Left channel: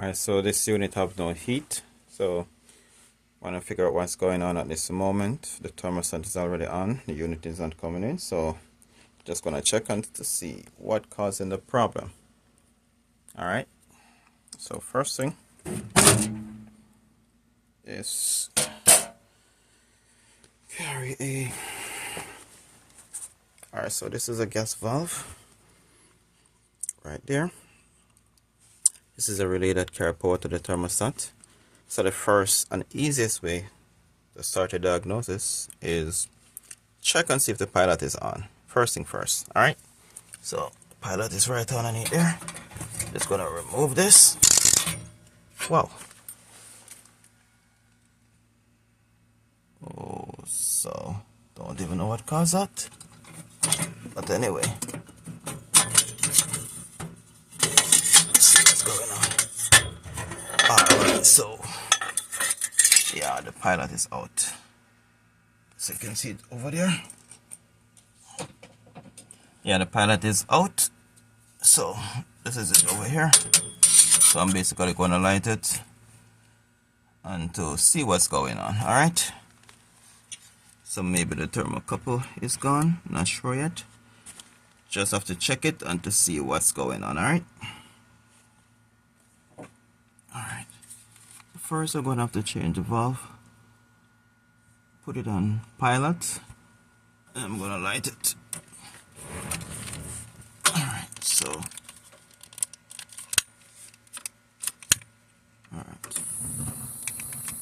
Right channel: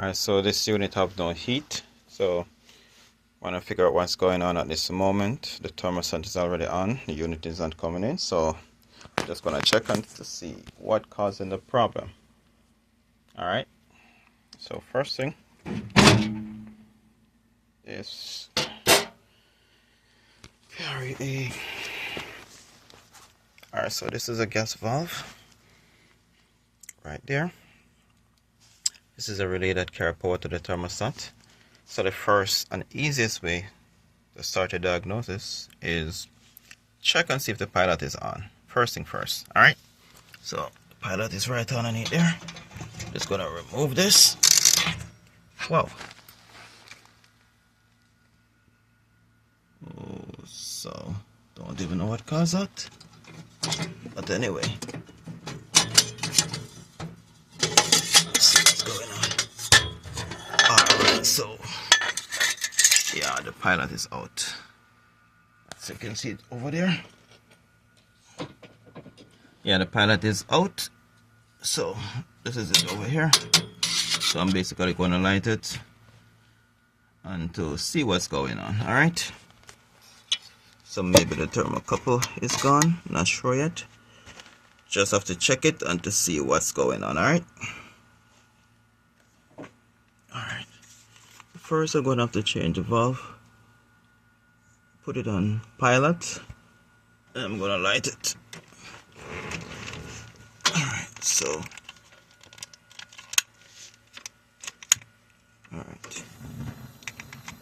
Alright, so this unit have no heat, so want to figure out what's going on at this moment. The thermostat is already on, the unit is not coming in, so just gonna check on to see what causing the problem. Alright, so first thing is carry a alright, so this is a gas valve right there. This is a relay that carry power to the thermostat. So the first and easiest way to start a diagnosis is check and see if the pilot is on. First thing first. Alright, so the pilot is right underneath there. Just gonna remove this. Wow. Oh, so don't even know what caused that. But anyway, let's see what's going on. Alright, so yeah, the pilot is out. So you can see it over there. Yeah, the pilot is out. So this is it over here. So I'm basically going to light it and to see what's going on. Alright, so maybe the thermocouple is gone, not sure yet. Just have to check it and to see what's going on. Alright, first I'm going to have to change the valve, put it on pilot, and I'm going to light it. Alright, so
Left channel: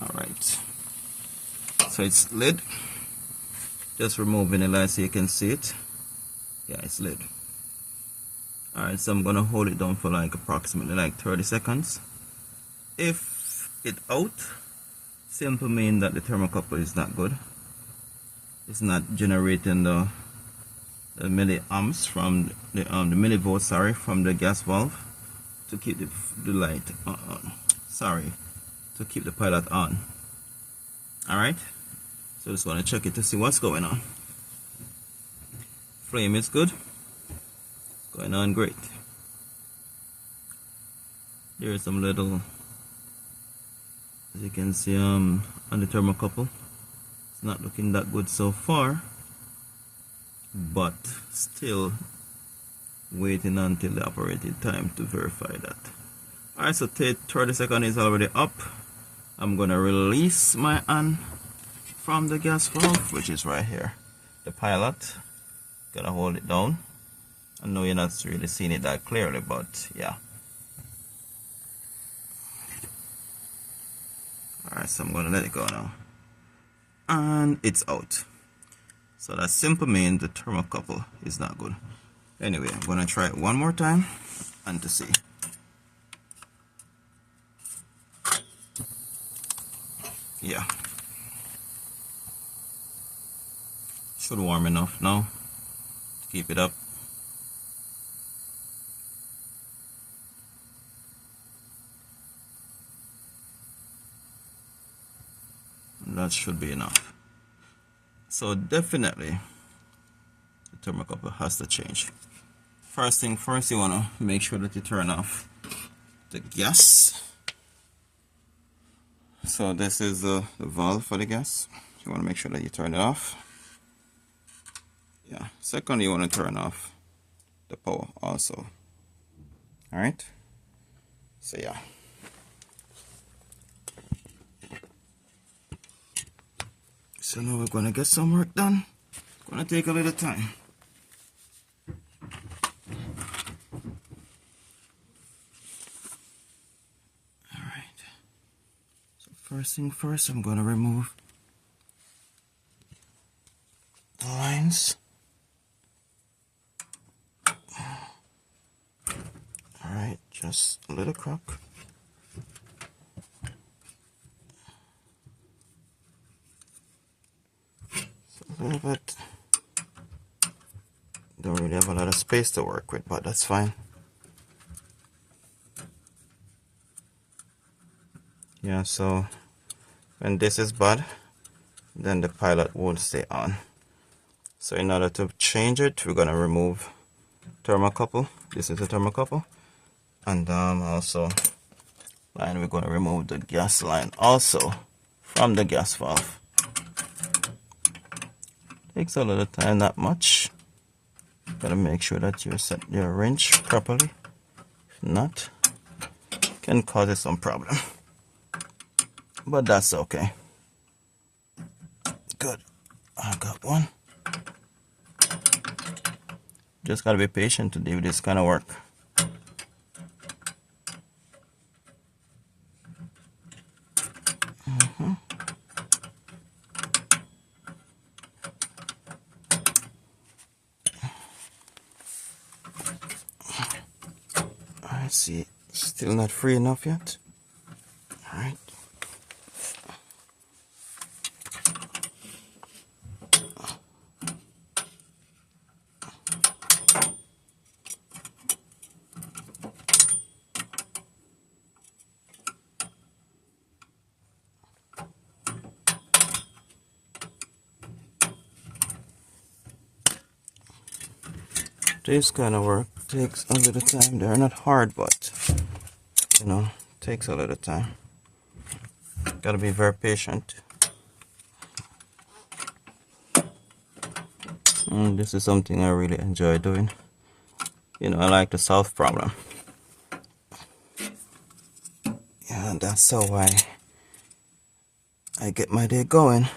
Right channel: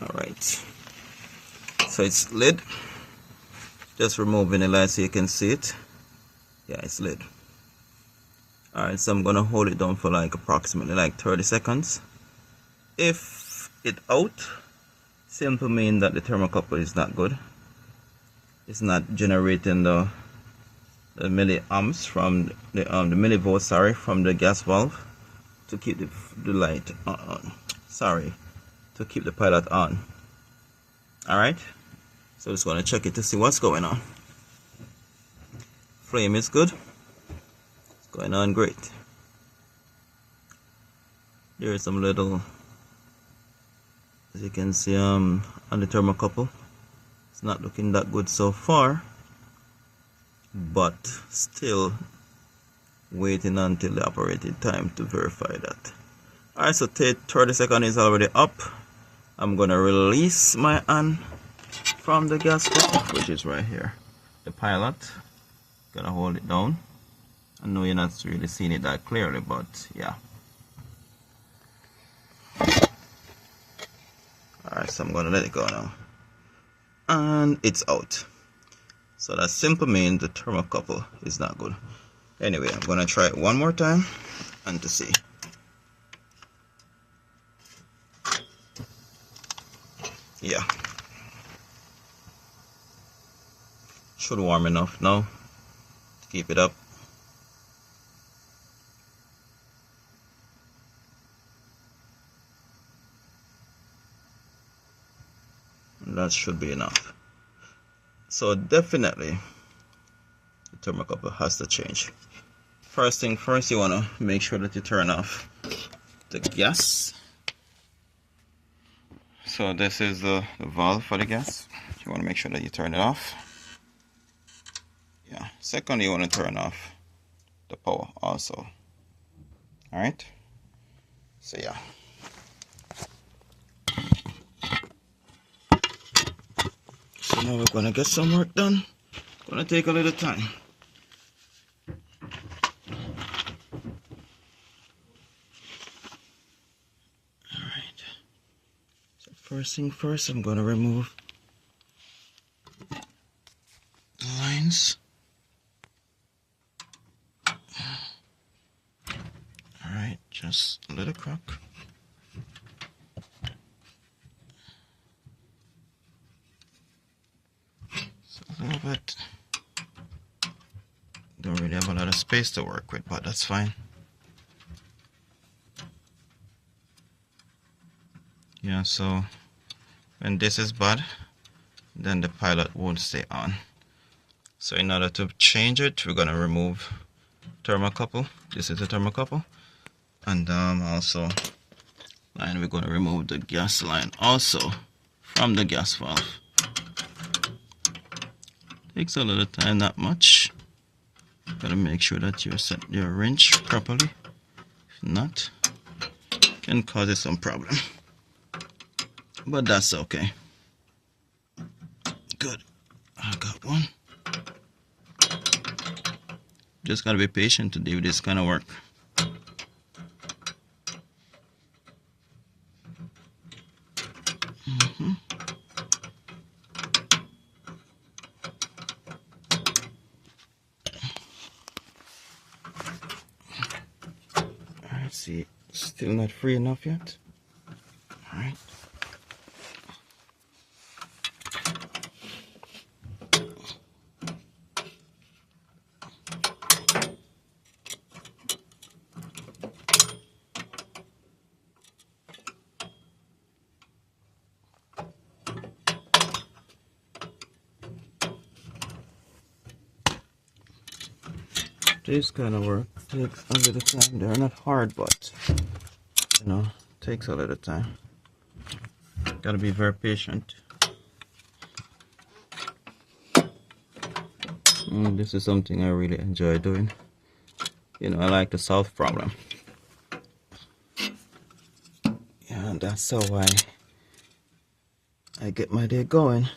alright, so it's lit. Just removing the light so you can see it. Yeah, it's lit. Alright, so I'm gonna hold it down for like approximately like 30 seconds. If it out, simply mean that the thermocouple is not good. It's not generating the milliamps from the millivolts, sorry, from the gas valve to keep the light on. Sorry, to keep the pilot on. Alright, so just want to check it to see what's going on. Flame is good. It's going on great. There is some little, as you can see, on the thermocouple. It's not looking that good so far, but still waiting until the operating time to verify that. Alright, so 30 seconds is already up. I'm gonna release my hand from the gas valve, which is right here. The pilot, gonna hold it down. I know you're not really seeing it that clearly, but yeah. Alright, so I'm gonna let it go now. And it's out. So that simply means the thermocouple is not good. Anyway, I'm gonna try it one more time and to see. Yeah, should warm enough now to keep it up. And that should be enough. So definitely the thermocouple has to change. First thing first, you want to make sure that you turn off the gas. So this is the valve for the gas. You want to make sure that you turn it off. Yeah. Secondly, you want to turn off the power also. Alright. So yeah. So now we're gonna get some work done. Gonna take a little time. First thing first, I'm going to remove the lines. Alright, just a little crack. So a little bit. Don't really have a lot of space to work with, but that's fine. Yeah, so when this is bad, then the pilot won't stay on. So in order to change it, we're gonna remove thermocouple. This is the thermocouple, and also And we're going to remove the gas line also from the gas valve. Takes a little time, not much. Gotta make sure that you set your wrench properly. If not, can cause it some problem. But that's okay. Good. I got one. Just gotta be patient to do this kind of work. Alright, see, still not free enough yet. Alright. This kind of work takes a little time. They're not hard, but you know, takes a little time. Gotta be very patient. This is something I really enjoy doing. You know, I like to solve problems. Yeah, that's how I get my day going.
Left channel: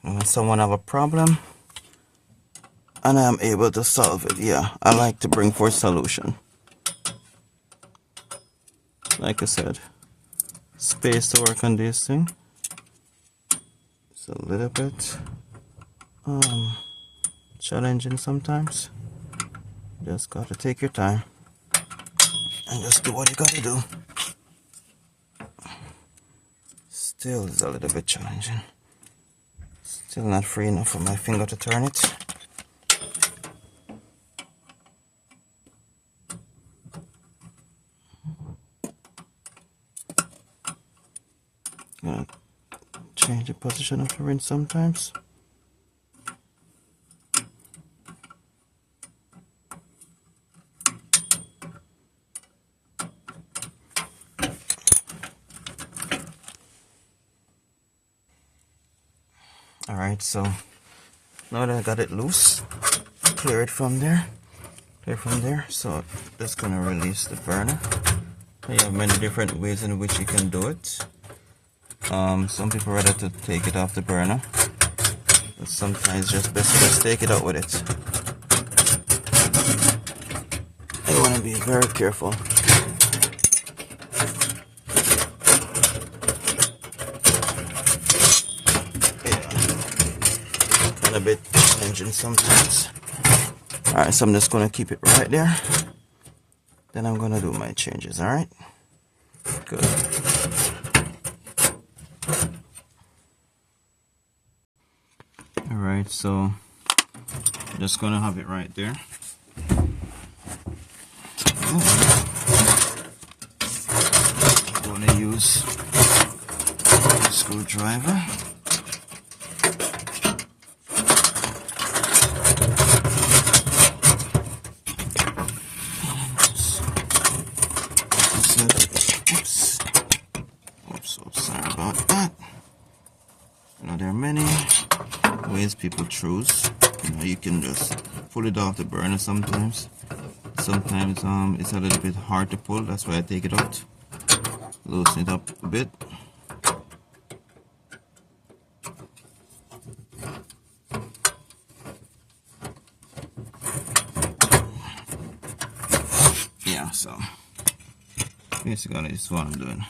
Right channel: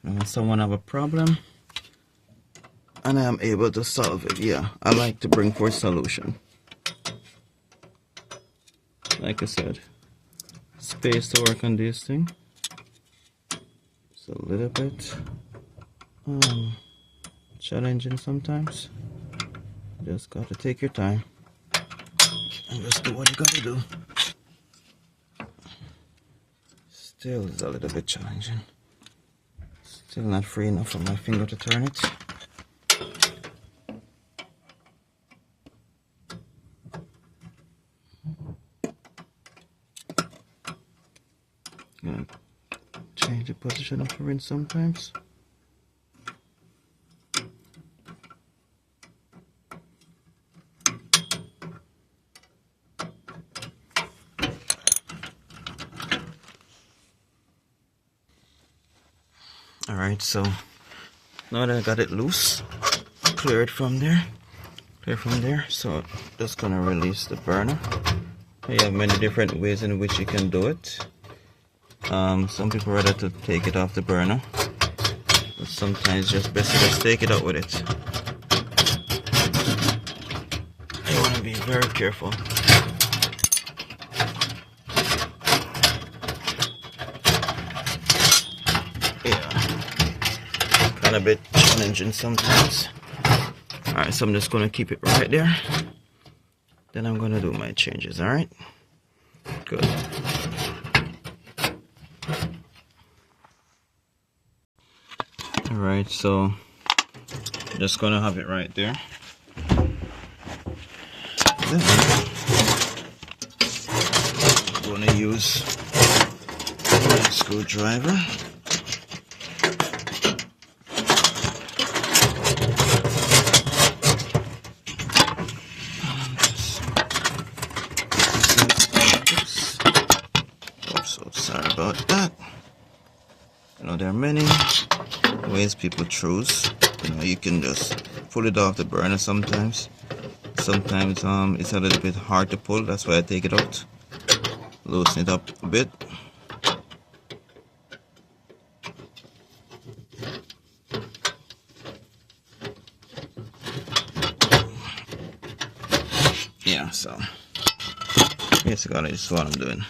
When someone have a problem and I'm able to solve it, yeah, I like to bring forth solution. Like I said, space to work on this thing. It's a little bit challenging sometimes. Just gotta take your time and just do what you gotta do. Still is a little bit challenging. Still not free enough for my finger to turn it. Gonna change the position of the wrench sometimes. Alright, so now that I got it loose, clear it from there, so just gonna release the burner. You have many different ways in which you can do it. Some people rather to take it off the burner, but sometimes it's just best to just take it out with it. You want to be very careful. A bit challenging sometimes. Alright, so I'm just gonna keep it right there. Then I'm gonna do my changes, alright? Good. Alright, so just gonna have it right there. I'm gonna use a screwdriver. There are many ways people choose. You can just pull it off the burner sometimes. Sometimes it's a little bit hard to pull, that's why I take it out. Loosen it up a bit. Yeah, so basically this is what I'm doing.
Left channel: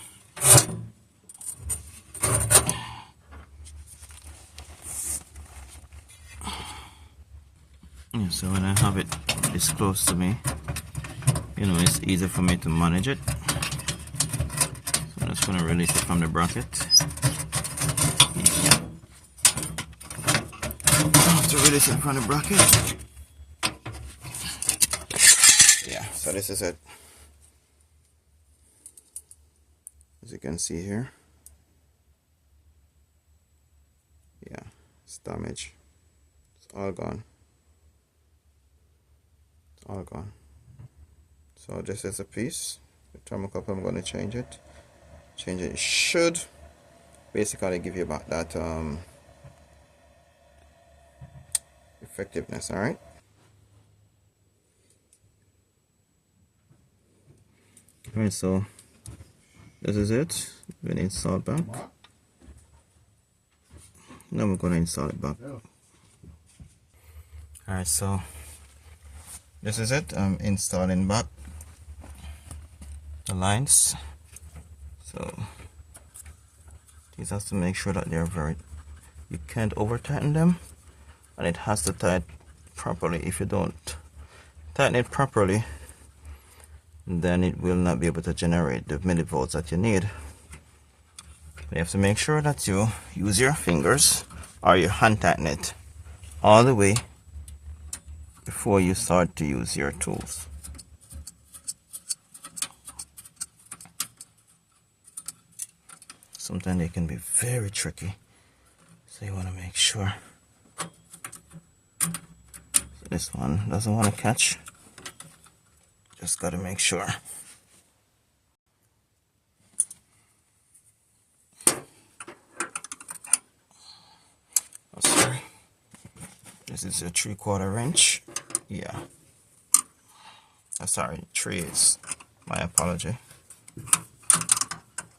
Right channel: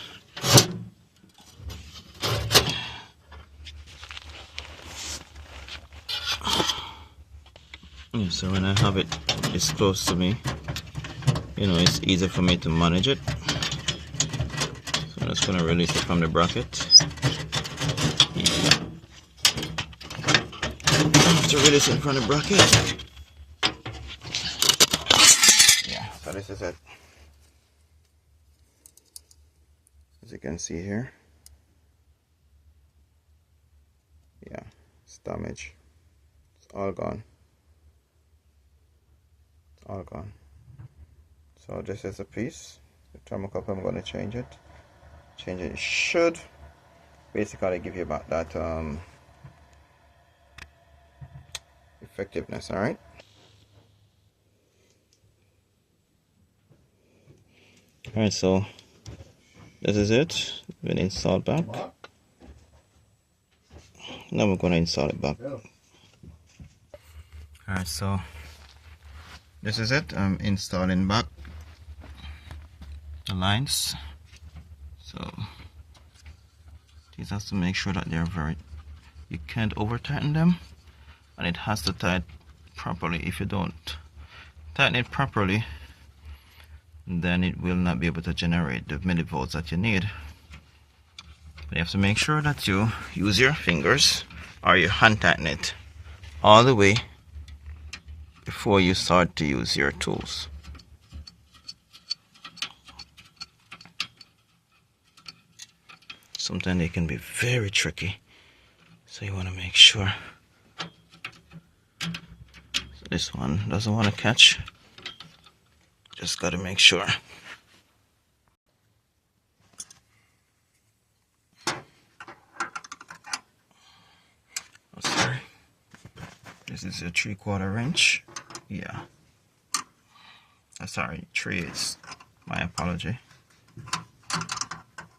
So when I have it this close to me, it's easy for me to manage it. So I'm just going to release it from the bracket. To release it from the bracket. Yeah, so this is it. As you can see here. Yeah, it's damaged. It's all gone. All gone. So this is a piece. The thermocouple, I'm going to change it. change it. It should basically give you about that effectiveness. All right. All right, so this is it. We're gonna install it back. Now we're gonna install it back. All right, so this is it. I'm installing back the lines. So these has to make sure that they're you can't over tighten them, and it has to tighten properly. If you don't tighten it properly, then it will not be able to generate the millivolts that you need. You have to make sure that you use your fingers or you hand tighten it all the way before you start to use your tools. Sometimes they can be very tricky, so you want to make sure. So this one doesn't want to catch. Just got to make sure. Oh, sorry. This is a 3/4 inch. Yeah. Sorry, 3/8. My apology.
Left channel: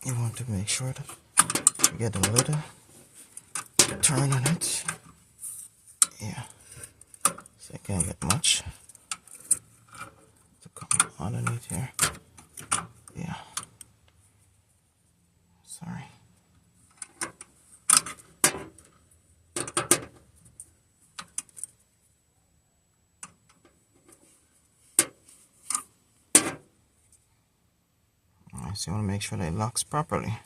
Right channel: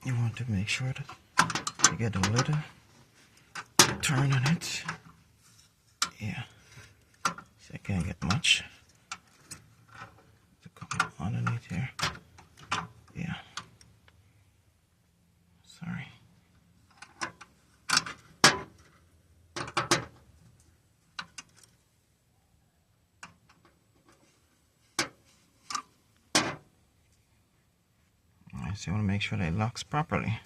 You want to make sure that you get a little turn on it. Yeah. See, I can't get much to come underneath here. Yeah. Sorry. So you want to make sure that it locks properly.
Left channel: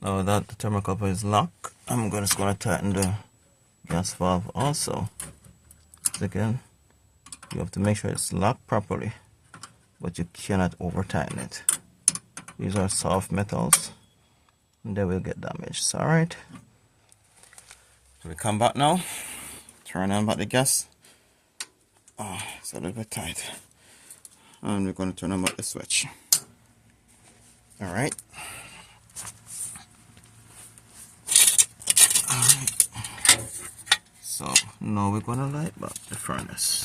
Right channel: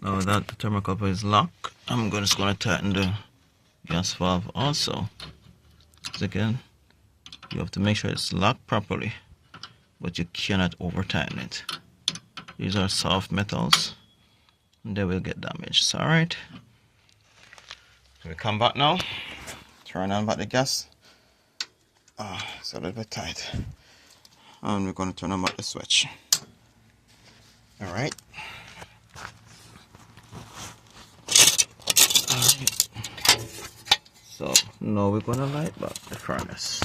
Now that the thermocouple is locked, I'm just going to tighten the gas valve also. So again, you have to make sure it's locked properly, but you cannot over tighten it. These are soft metals and they will get damaged. So, alright. So we come back now, turn on back the gas. It's a little bit tight. And we're going to turn on back the switch. Alright. So now we're going to light back the furnace.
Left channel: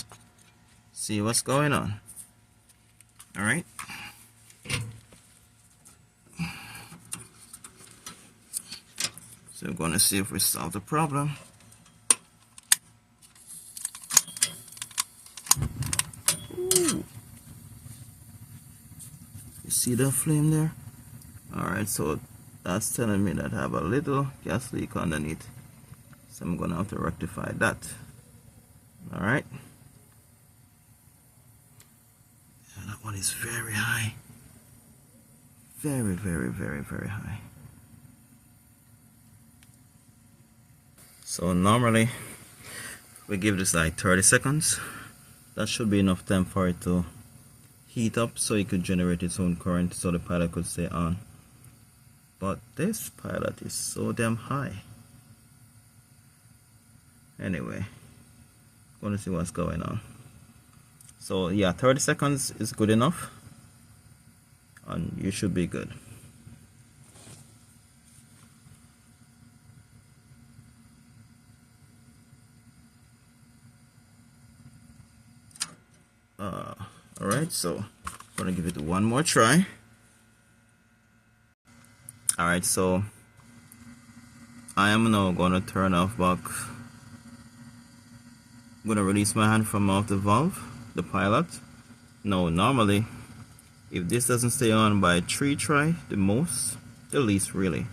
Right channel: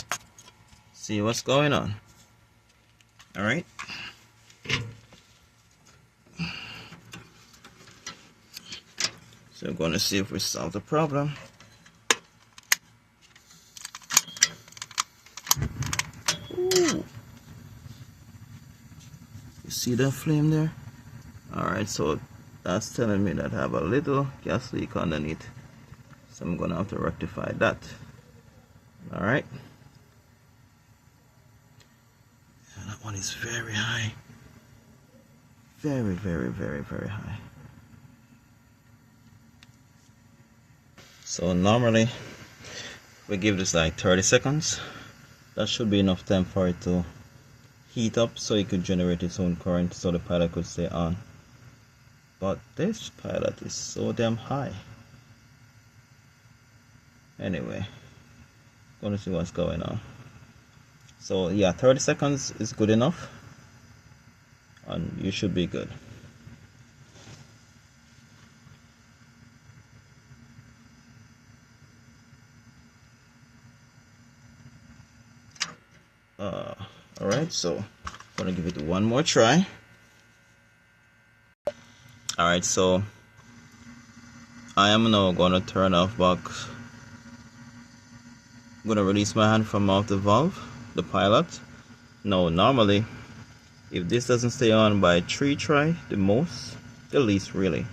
See what's going on. Alright. So we're going to see if we solve the problem. Ooh. You see that flame there? Alright, so that's telling me that I have a little gas leak underneath. So I'm going to have to rectify that. Alright. That one is very high. Very, very, very, very high. So normally we give this like 30 seconds. That should be enough time for it to heat up so it could generate its own current so the pilot could stay on. But this pilot is so damn high. Anyway, gonna see what's going on. So yeah, 30 seconds is good enough and you should be good. Alright, so I'm gonna give it one more try. Alright, so I am now gonna turn off back. I'm gonna release my hand from off the valve, the pilot. Now normally if this doesn't stay on by 3 try, the least really,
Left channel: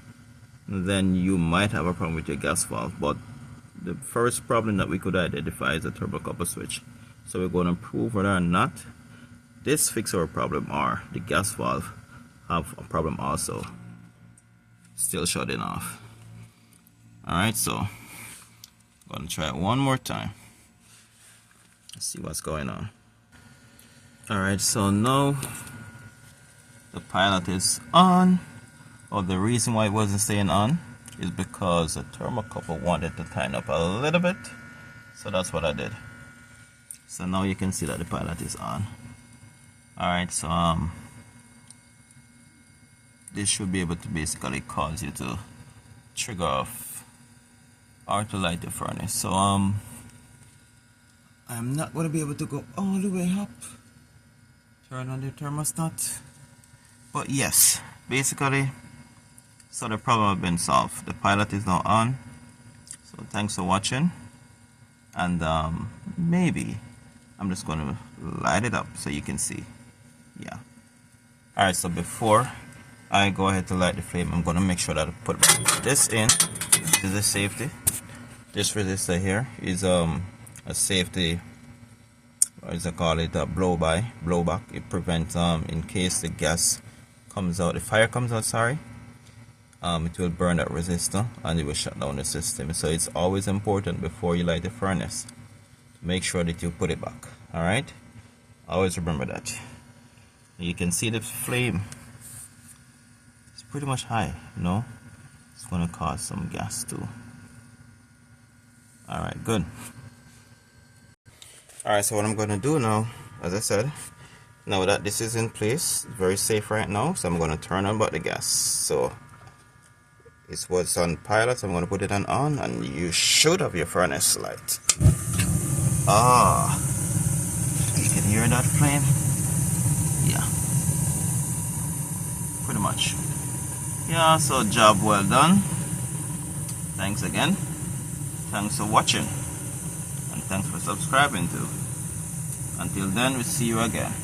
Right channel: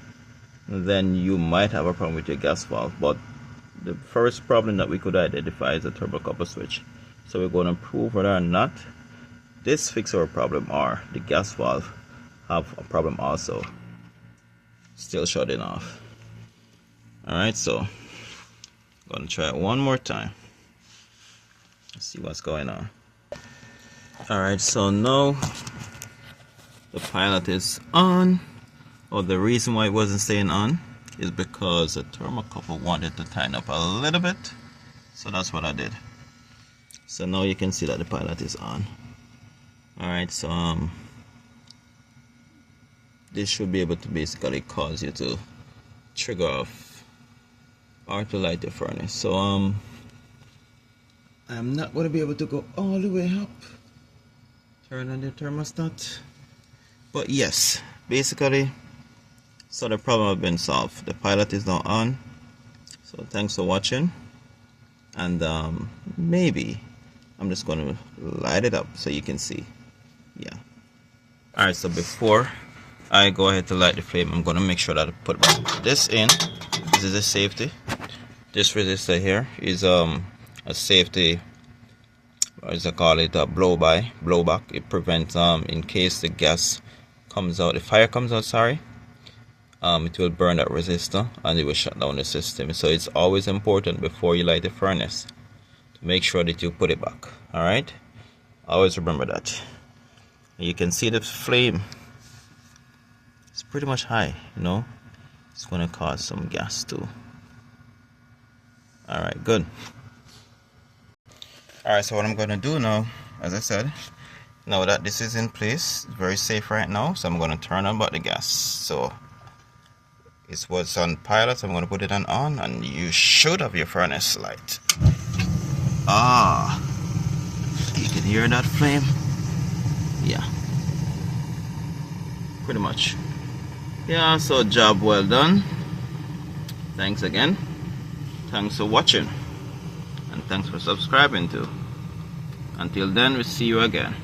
then you might have a problem with your gas valve. But the first problem that we could identify is a thermocouple switch. So we're going to prove whether or not this fixes our problem or the gas valve have a problem also. Still shutting off. Alright, so I'm going to try it one more time. Let's see what's going on. Alright, so now the pilot is on. Or the reason why it wasn't staying on is because the thermocouple wanted to tighten up a little bit. So that's what I did. So now you can see that the pilot is on. Alright, so this should be able to basically cause you to trigger off or to light the furnace. So I'm not going to be able to go all the way up, turn on the thermostat, but yes, basically, so the problem has been solved. The pilot is now on. So thanks for watching, and maybe I'm just going to light it up so you can see. Yeah. Alright, so before I go ahead to light the flame, I'm going to make sure that I put this in. This is a safety. This resistor here is a safety, what is it called, a blowback. It prevents in case the gas comes out, the fire comes out, sorry, it will burn that resistor and it will shut down the system. So it's always important before you light the furnace to make sure that you put it back. Alright, always remember that. You can see the flame, it's pretty much high, you know. It's going to cause some gas too. Alright, good. Alright, so what I'm going to do now, as I said, now that this is in place, very safe right now, so I'm going to turn on back the gas. So it was on pilot, so I'm going to put it on, and you should have your furnace light. Ah, you can hear that flame? Yeah, pretty much. Yeah, so job well done. Thanks again. Thanks for watching, and thanks for subscribing too. Until then, we'll see you again.